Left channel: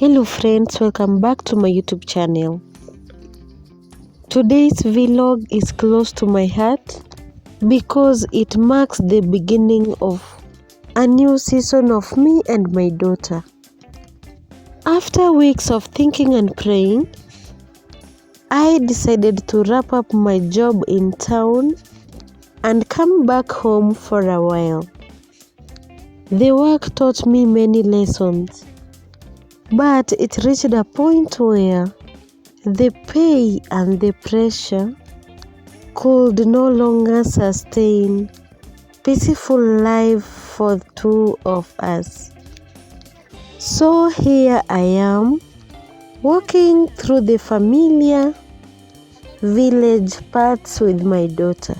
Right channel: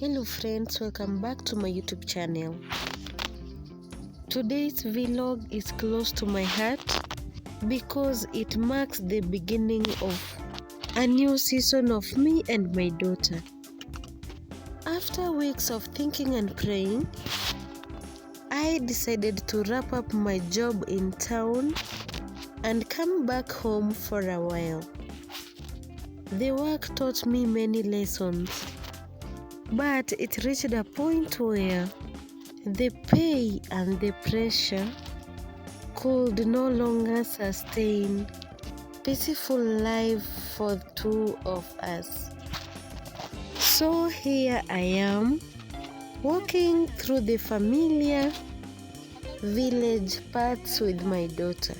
Hello friends, welcome back to my YouTube channel. Today's vlog is close to my heart because it marks the beginning of a new season of me and my daughter. After weeks of thinking and praying, I decided to wrap up my job in town and come back home for a while. The work taught me many lessons, but it reached a point where the pay and the pressure could no longer sustain peaceful life for two of us. So here I am, walking through the familiar village paths with my daughter.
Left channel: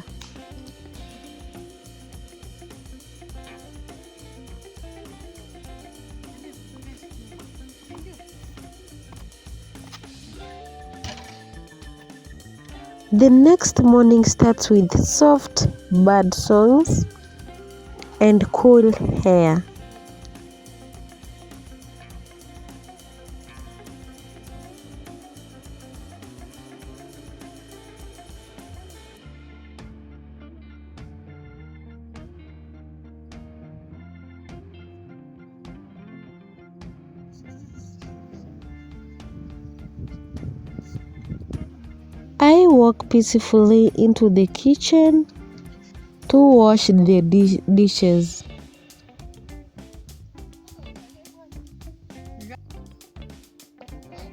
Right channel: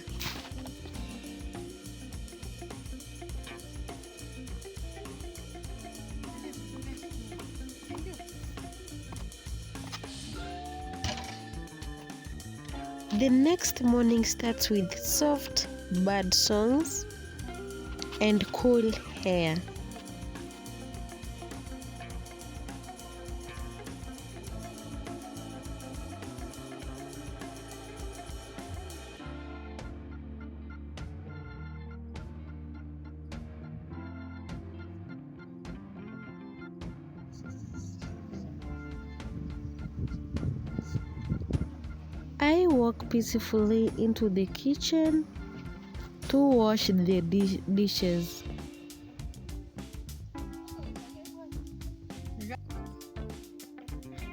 The next morning starts with soft bird songs and cool air. I walk peacefully into the kitchen to wash the dishes.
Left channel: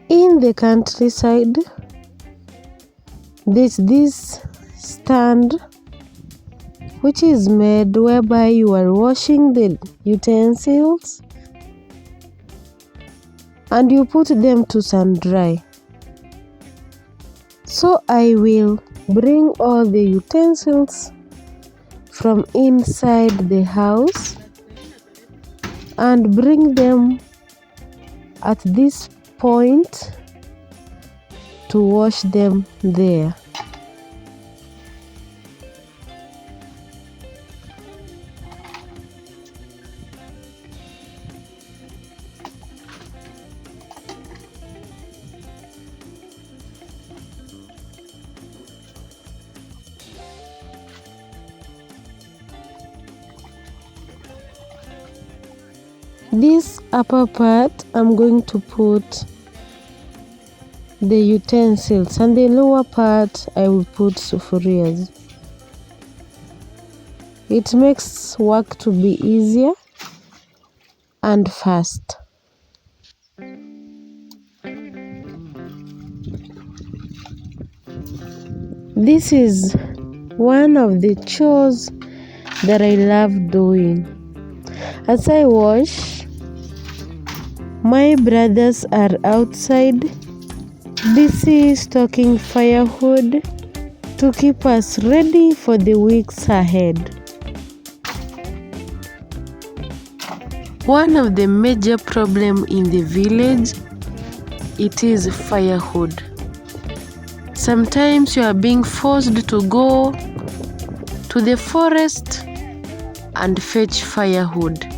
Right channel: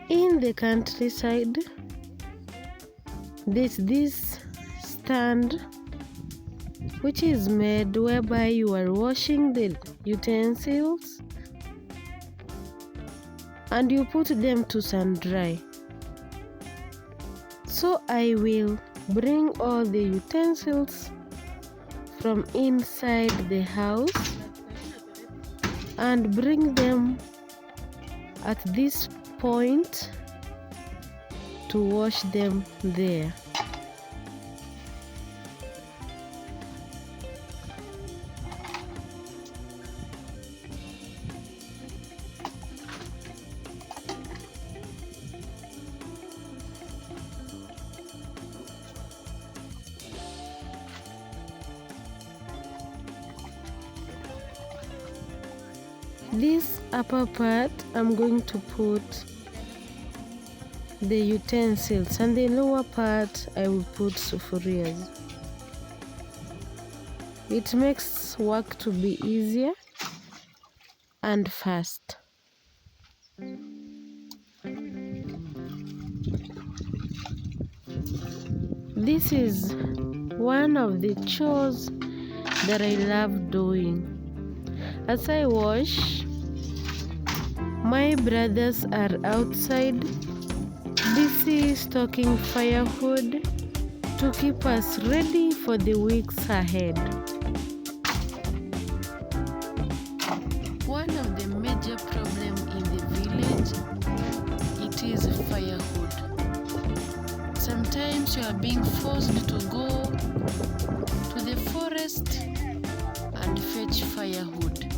In the countryside, there's this stand which is made whereby you are washing the utensils and you put them to sun dry. So I will bring all the utensils from inside the house and bring them at this point to wash them there. This upper part I'm going to put the utensils, and the lower part I will put sufurias. It makes work to be easier and fast. This is one of the chores that I love doing. As I wash, my brothers are outside busy stocking firewood to keep us ready for the weeks ahead. One of the major problems in the village, it is firewood. Sometimes you are being forced to go to the forest and fetch firewood.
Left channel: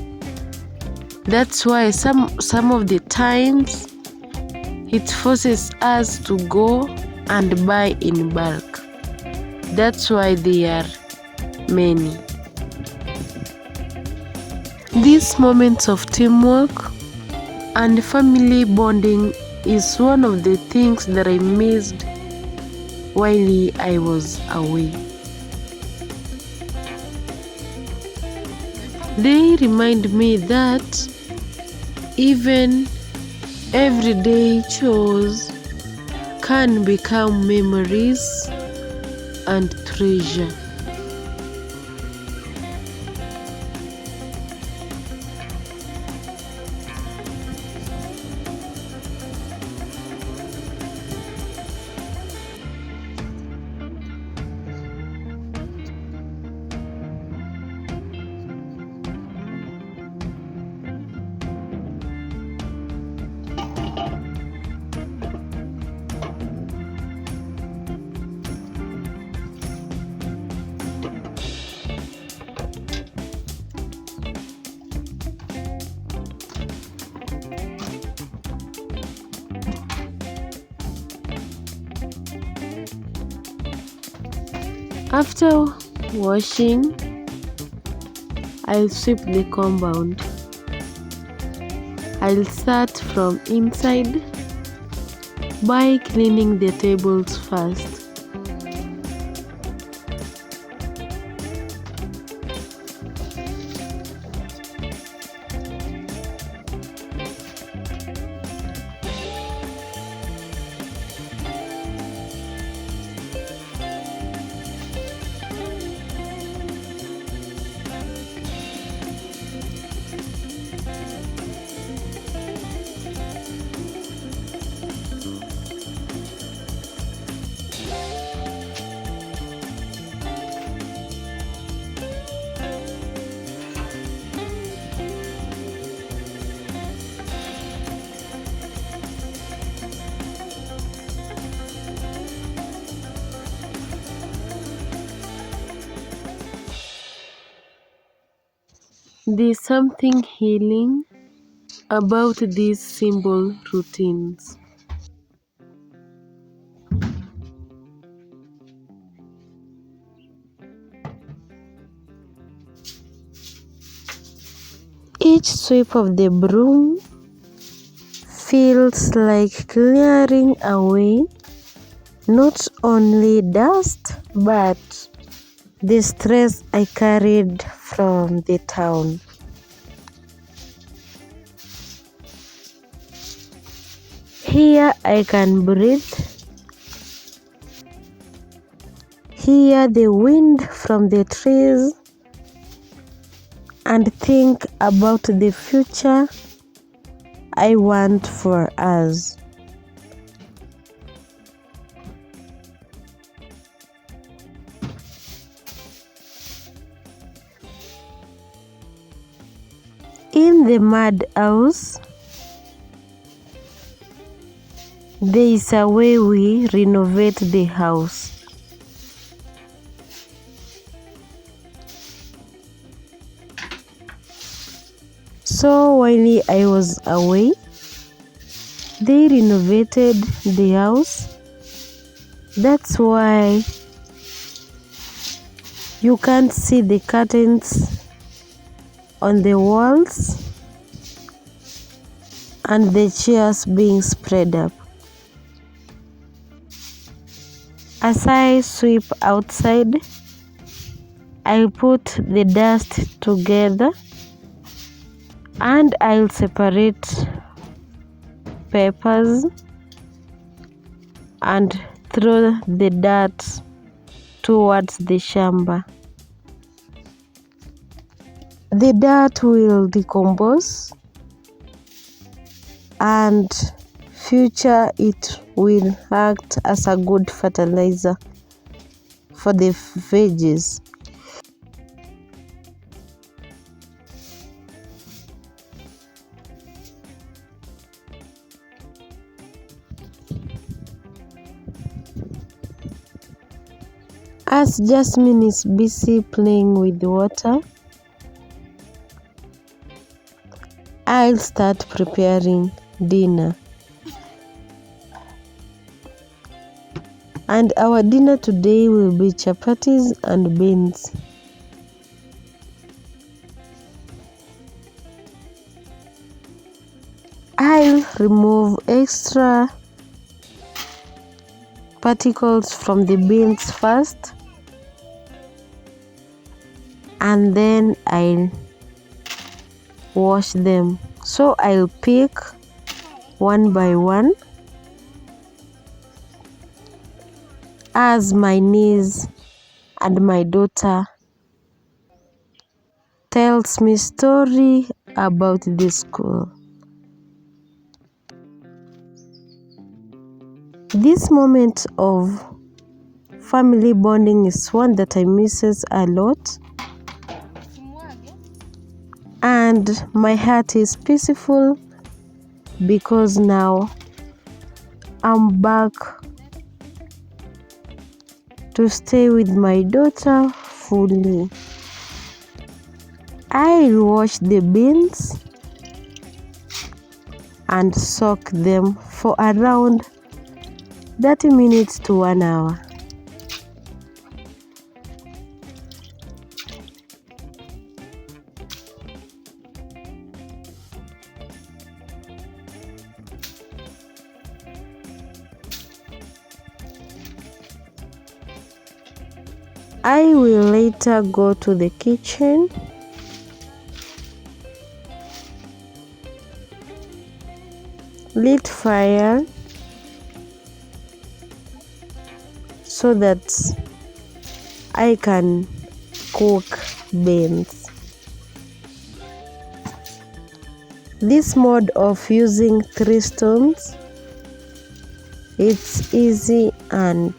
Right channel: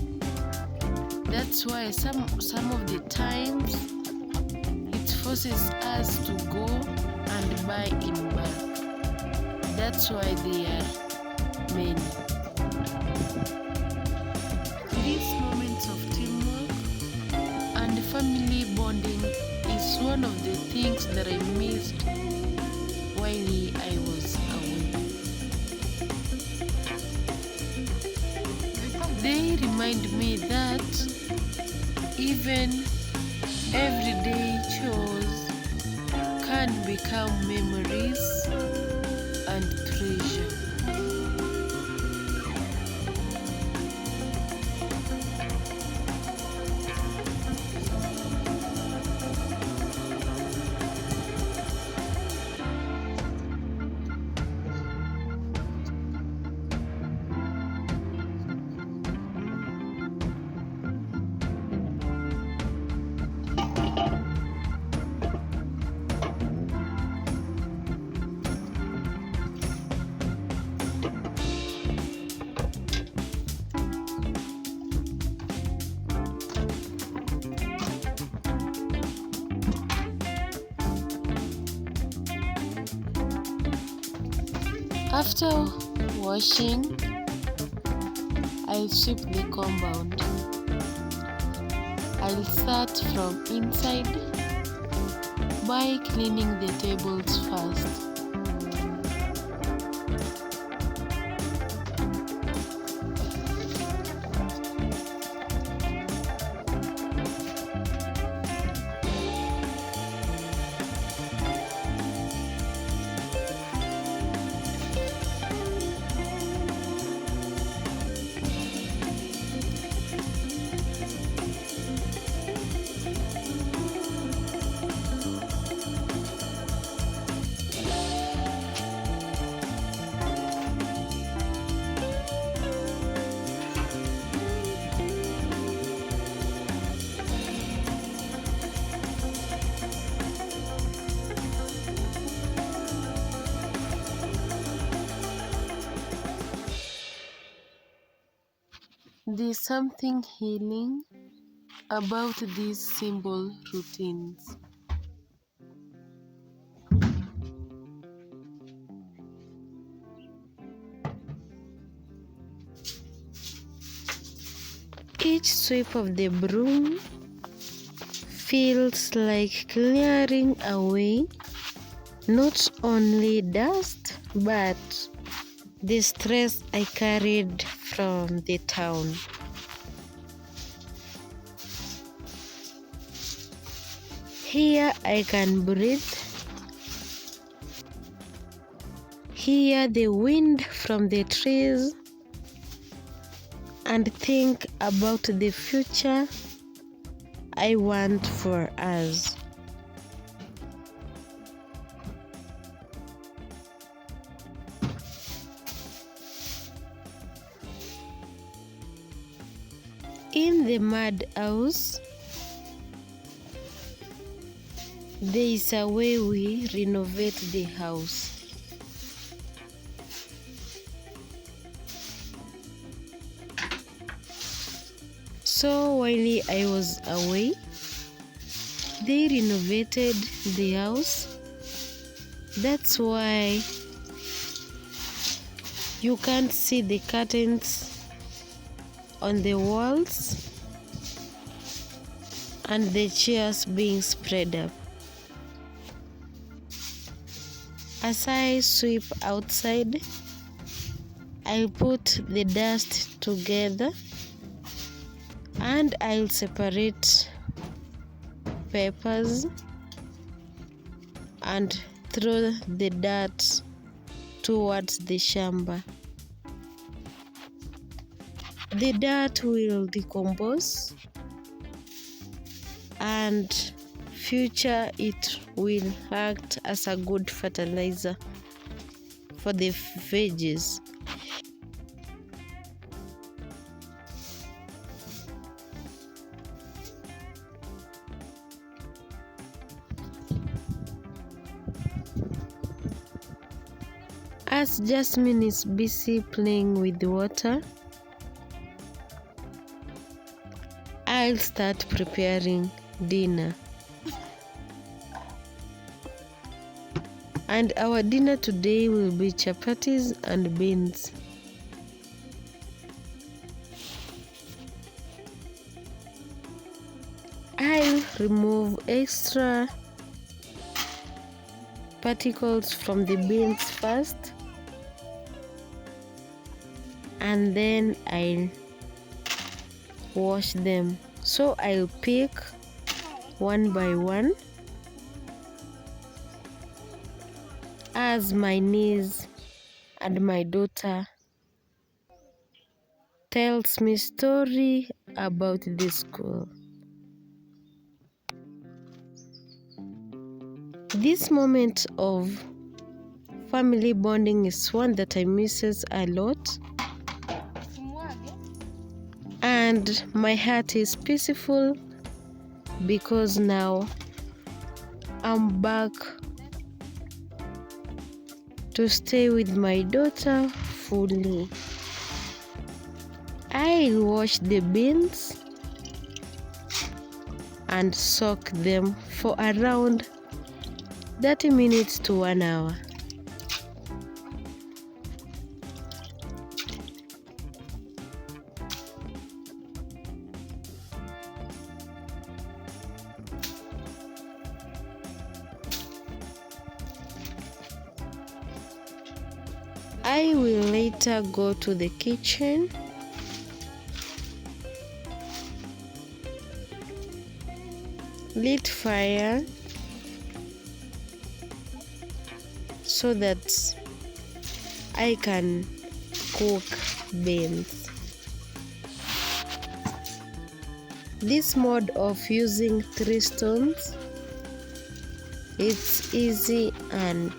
That's why some of the times it forces us to go and buy in bulk. That's why there are many. These moments of teamwork and family bonding is one of the things that I missed while I was away. They remind me that even everyday chores can become memories and treasure. After washing, I'll sweep the compound. I'll start from inside by cleaning the tables first. There's something healing about these simple routines. Each sweep of the broom feels like clearing away not only dust but the stress I carried from the town. Here I can breathe, hear the wind from the trees, and think about the future I want for us. In the mud house, there is a way we renovate the house. So while I was away, they renovated the house. That's why you can't see the curtains on the walls and the chairs being spread up. As I sweep outside, I'll put the dust together and I'll separate papers and throw the dirt towards the shamba. The dirt will decompose and future it will act as a good fertilizer for the veggies. As Jasmine is busy playing with the water, I'll start preparing dinner. And our dinner today will be chapatis and beans. I'll remove extra particles from the beans first, and then I'll wash them. So I'll pick one by one as my niece and my daughter tells me story about the school. This moment of family bonding is one that I misses a lot, and my heart is peaceful because now I'm back to stay with my daughter fully. I'll wash the beans and soak them for around 30 minutes to 1 hour. I will later go to the kitchen lit fire so that I can cook beans. This mode of using 3 stones, it's easy and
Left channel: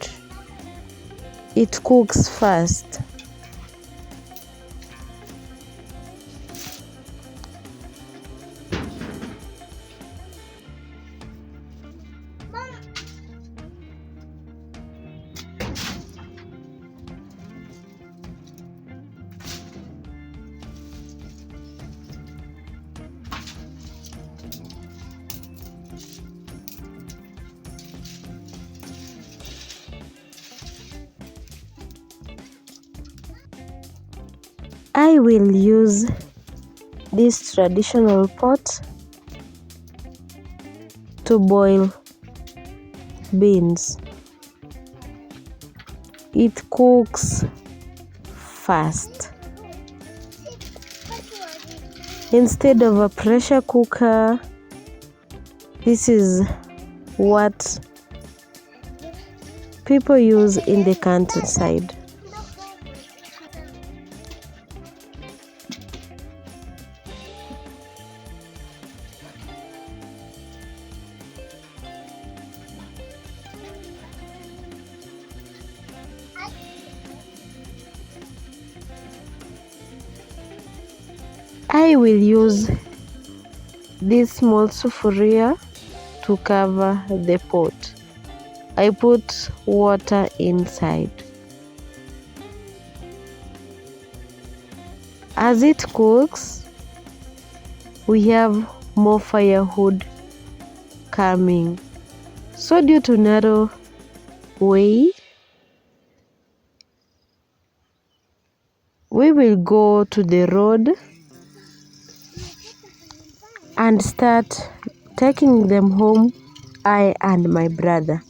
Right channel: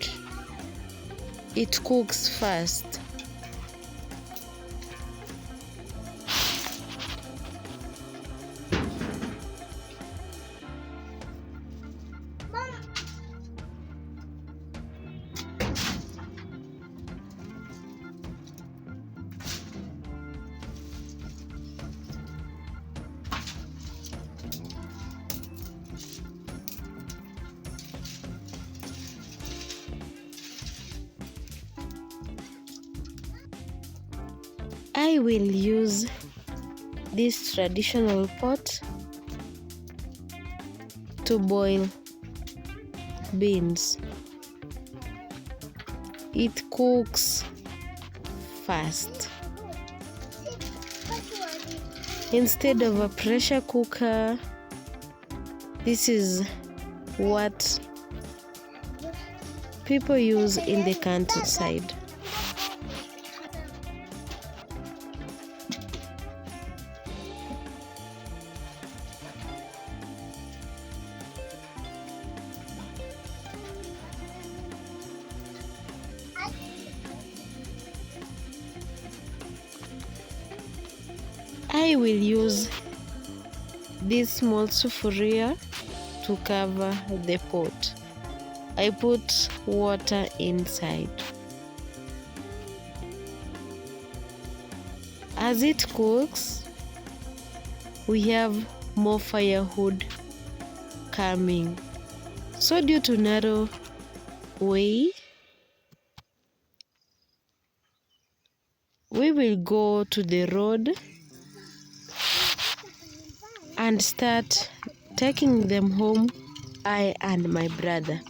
it cooks fast. I will use this traditional pot to boil beans. It cooks fast. Instead of a pressure cooker, this is what people use in the countryside. I will use this small sufuria to cover the pot. I put water inside. As it cooks, we have more firewood coming. So due to narrow way, we will go to the road and start taking them home, I and my brother.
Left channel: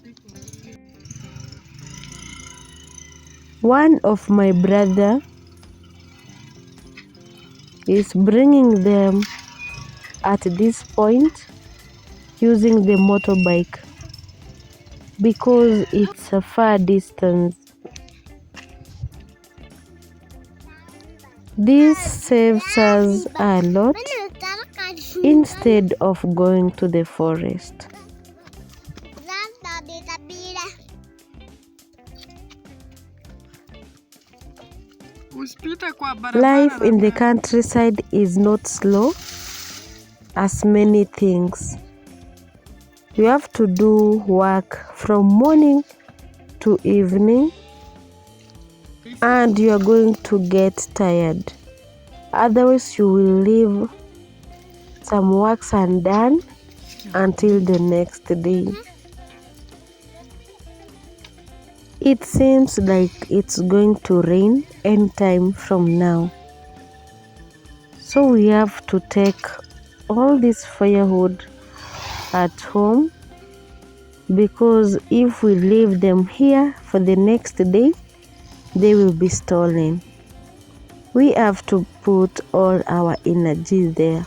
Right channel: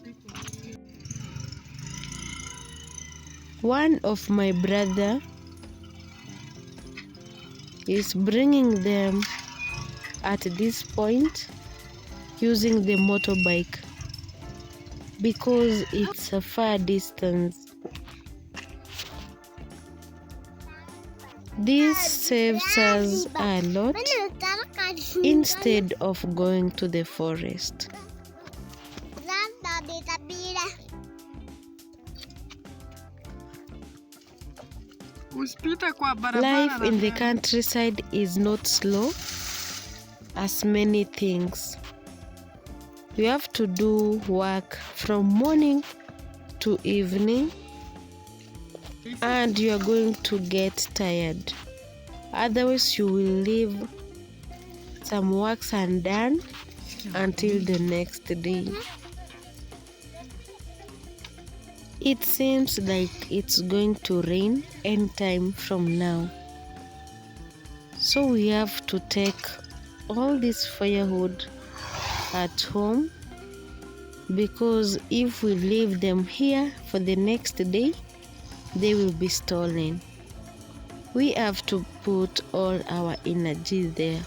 One of my brother is bringing them at this point using the motorbike because it's a far distance. This saves us a lot instead of going to the forest. Life in the countryside is not slow as many things. You have to do work from morning to evening and you are going to get tired. Otherwise you will leave some works undone until the next day. It seems like it's going to rain anytime from now. So we have to take all this firewood at home because if we leave them here for the next day, they will be stolen. We have to put all our energy there.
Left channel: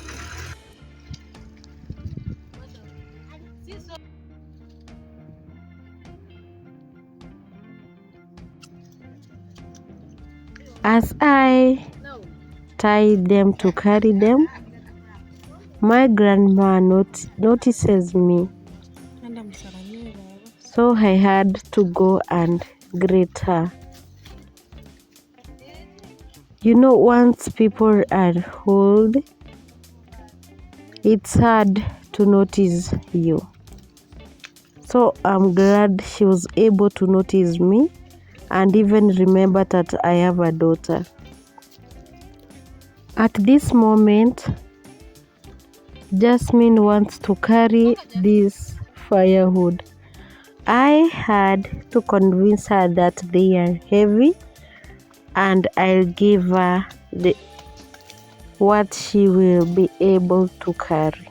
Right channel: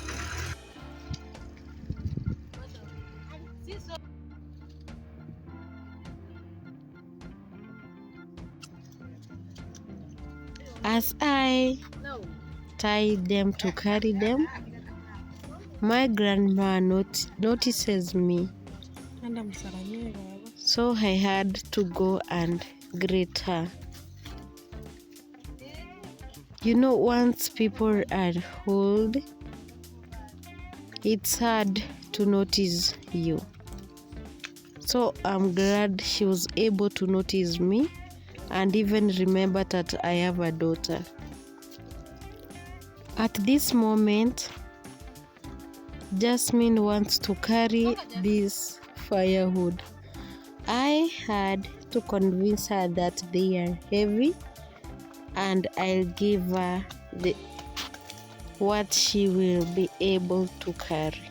As I tie them to carry them, my grandma notices me. So I had to go and greet her. You know, once people are old, it's hard to notice you. So I'm glad she was able to notice me and even remember that I have a daughter. At this moment, Jasmine wants to carry this firewood. I had to convince her that they are heavy and I'll give her what she will be able to carry.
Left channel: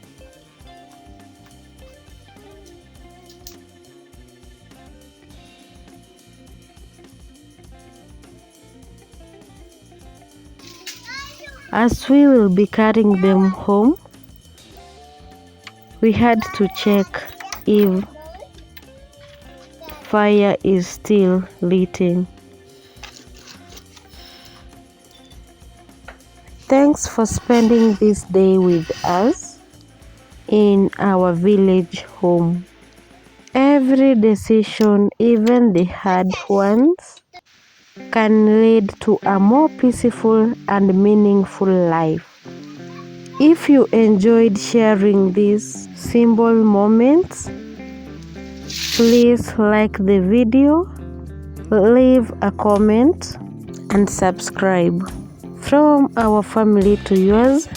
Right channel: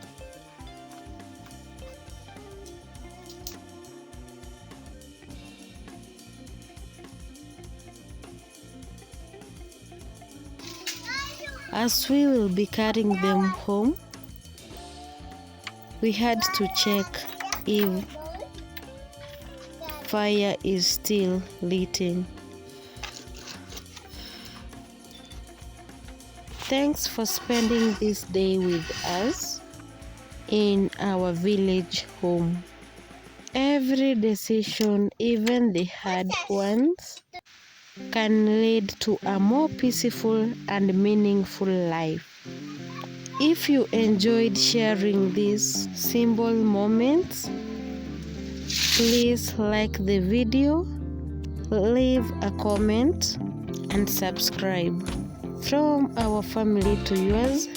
As we will be carrying them home, we had to check if fire is still lighting. Thanks for spending this day with us in our village home. Every decision, even the hard ones, can lead to a more peaceful and meaningful life. If you enjoyed sharing these simple moments, please like the video, leave a comment, and subscribe. From our family to yours,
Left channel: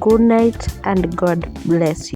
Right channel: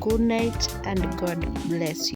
good night and God bless you.